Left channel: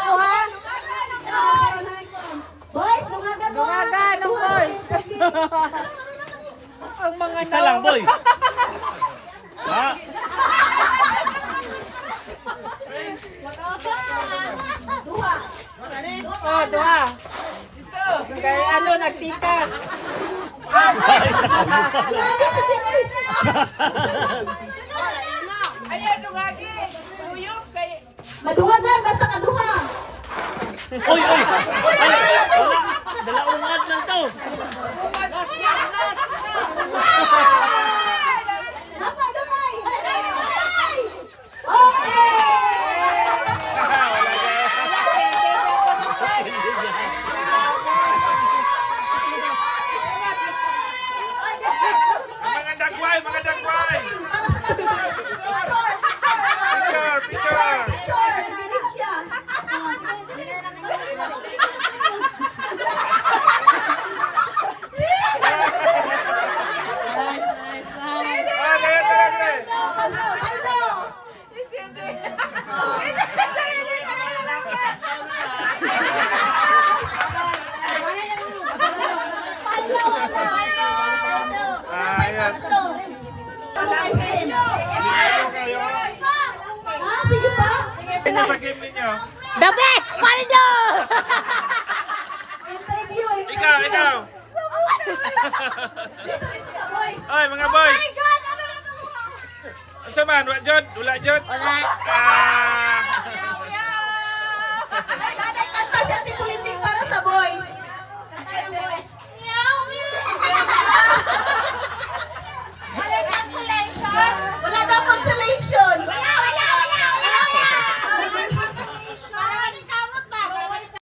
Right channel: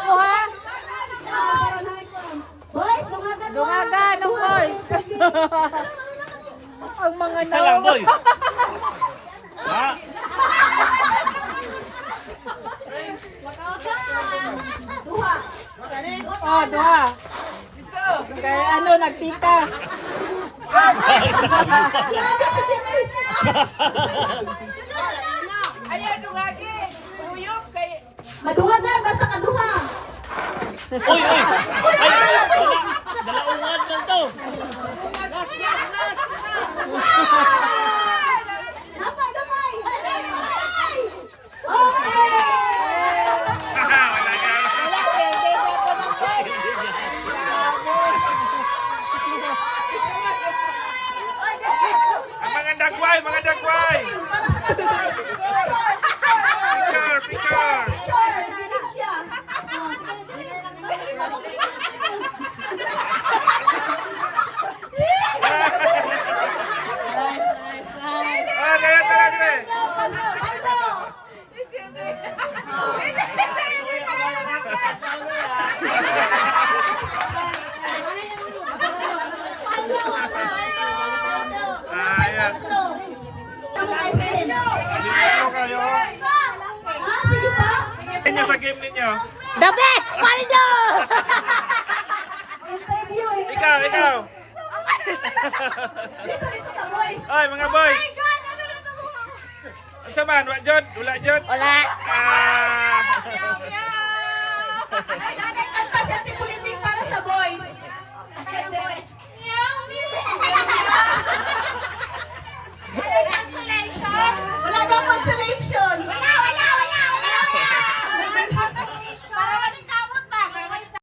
ako ha. Boys, dungagan mo. Dungagan ng boys. Ang mga Isa lang, boy. Ha? Duha. Ah, duha. Kaya ano, nagtikas. Grabe si Jerry. Ayaw dungagi. Uyok kay Madungagan, basta kaduha. Uy, uy! Dalaungan lang to! Damay, damay. Okay. Mga dagway, mga dagway! Para sa kaduha. Picture, picture! Picture, binig siya. Ah, dali, dali, dali! Aldo. Ah, yan. Tatlo. Ang ice cream. Liligaw kayo. Ah, sige pa. Inyo sa game ninyo. The best, Paldo! Interview. Ikaw, ikaw! Dito, dito sa boys. Oy, mga boys! Ano man? Wala jod? Wala jod? Wala. Ah! Nanay kanta si Ate Pulitik para sa boys.